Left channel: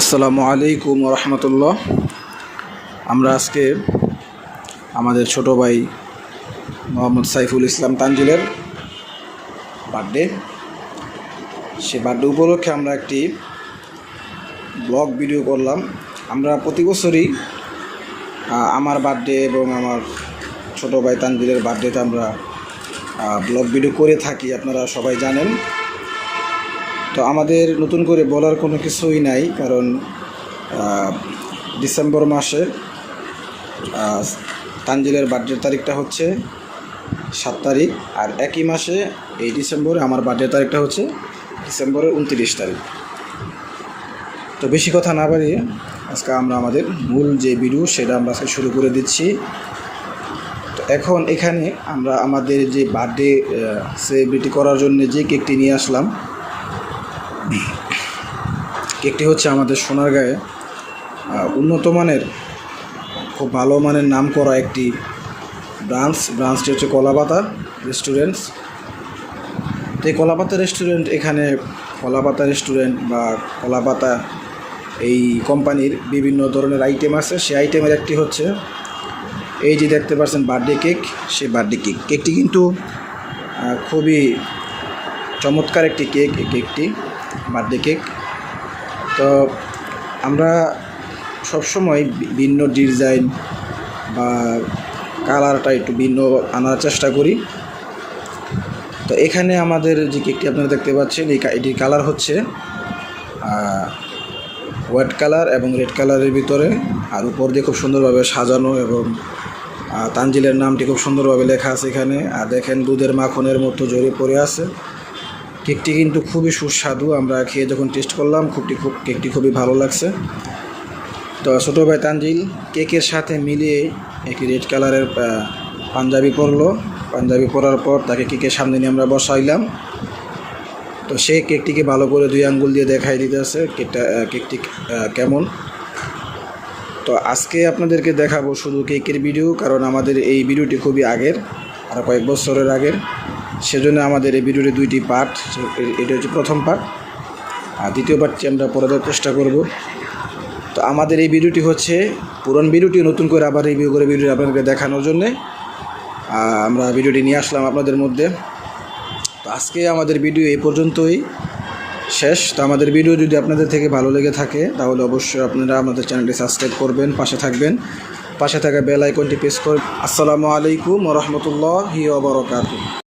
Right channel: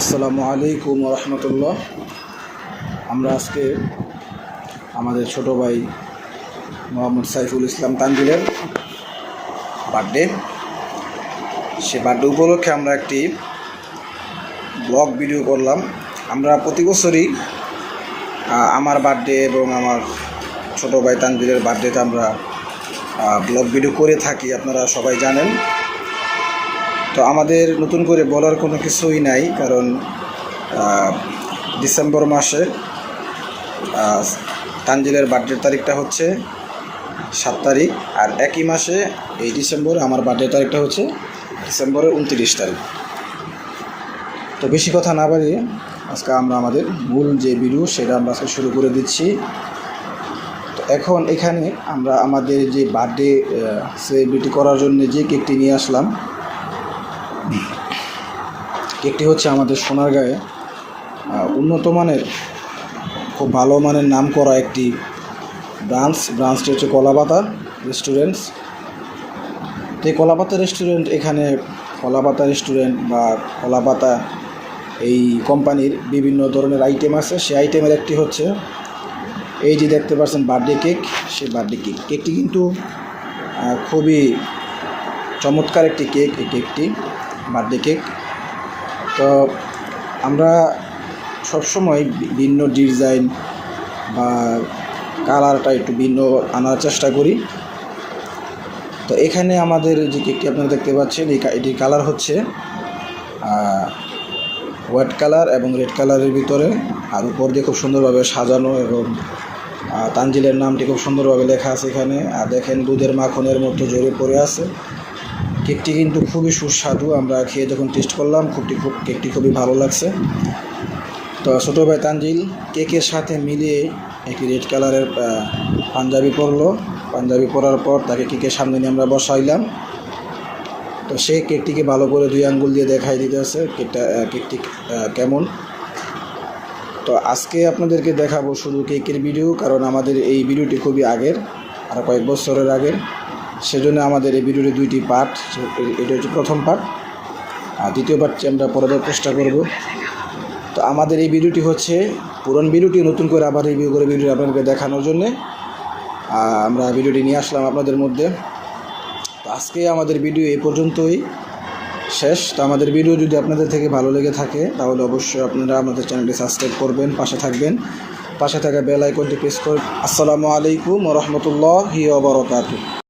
আসসালামু আলাইকুম রহমতুল্লাহ। আমরা আজকে আমাদের ছোট ভাই মোহাম্মদ সাইফুল ইসলাম তানজিলের বার্থডে, সে বার্থডে উপলক্ষে আমরা একটি ব্লগ ভিডিও করলাম। আমরা প্রতি বছরই আমার বার্থডে এবং আমার ছোট ভাই তানজিলের বার্থডেতে আমরা ব্লগ ভিডিও করে থাকি, আপনারা সবাই জানেন। তো আমাদের নতুন করে বলার কোনো কিছুই নাই, কারণ ডিসেম্বর মাসে তানজিলের বার্থডে তারিখটা হচ্ছে 7 তারিখ, আর একই মাসে এই ডিসেম্বরে আমার বার্থডে তারিখটা হচ্ছে ডিসেম্বরের 29 তারিখ। তো বেশি কথা না বাড়িয়ে আজকে আমরা আমাদের মূল যে ভিডিও সেটা আমরা আজকে শুরু করে দিচ্ছি। তো এখন এখানে আমরা আমাদের যে বার্থডে সেলিব্রেটি করার জন্য যে কেকটি নিয়ে আসলাম, কেকটি হচ্ছে আমাদের সোনারগাঁয়ে উন্নত মানের, খুব ভালো মানের নাম করা একটি ব্রাঞ্চটি হচ্ছে কলাপাতা রেস্টুরেন্টস। তো এই কলাপাতা রেস্টুরেন্ট, এখানে কলাপাতা রেস্টুরেন্ট বা কলাপাতা এই কোম্পানির বিভিন্ন ধরনের আইটেম আছে। সেই আইটেমের একটি হচ্ছে এই যে দেখতে পাচ্ছেন বার্থডে কেক। সেই বার্থডে কেকটি কিন্তু খুবই চমৎকার একটি কেক, এই কেকটি বার্থডে কেক। তো আমরা সবসময় ভিন্ন ডিজাইন বা কালারটা একটু ভিন্ন আনার চেষ্টা করি। তো এখানে আমাদের যে কেকটি আপনারা দেখতে পাচ্ছেন, এটির কালার হচ্ছে হোয়াইট কালার এবং রেড কালারের ভিতরে, আর উপর দিয়ে খুব সুন্দরভাবে সাজানো এবং তানজিলের নামটি খুব সুন্দরভাবে লেখা আছে এখানে। আর দেখেন দুধের মাখনের মতো জড়িয়ে পড়ে আছে। কেকটি কিন্তু খুবই সুস্বাদু, আমরা খেয়ে যখন টেস্ট করলাম কেকটি খুবই ভালো লাগছে। তো ছোটো ভাই তানজিল কেকের সাথে মিলিয়ে একটি রেড কালারের পাঞ্জাবি পরলো। পাঞ্জাবি পরার পর তাকে কেকের সামনে নিয়ে আমরা বসাইলাম। তো সে কেকটিকে ভালো করে 2 আঙ্গুল দিয়ে দেখাই দিতেছে কেকটি কেমন। তো আজকে আপনাদেরকে দেখাবো শুধু কেকের ভিডিও, কারণ আমাদের এই ভিডিওটি খুবই আগের, আর কয়েক বছরের আগের। সেজন্য আমাদের এই ভিডিওটি 2টি পার্ট। এটা হচ্ছে প্রথম পার্ট, আর দ্বিতীয় পার্টটি আমরা পরে দেওয়ার চেষ্টা করব। তো আমাদের এই ভিডিওটি হচ্ছে পুরনো ভিডিওটি নতুন করে আবার রিভিউ করে ভিডিও আপনাদেরকে দেখানোর জন্যে আমরা ভিডিওটি নিয়ে আসলাম আপনাদের মধ্যে। তো আজকে আমাদের ভিডিও এই পর্যন্তই শেষ। তো আমাদের ভিডিও যদি আপনাদের থেকে ভালো লেগে থাকে তাহলে অবশ্যই আপনারা আমাদের চ্যানেলটি সাবস্ক্রাইব করবেন, পাশে থাকবেন, পাশে থাকা বেল আইকনটি প্রেস করবেন। আসসালামু আলাইকুম ওয়া রাহমাতুল্লাহি ওয়া বারাকাতুহু।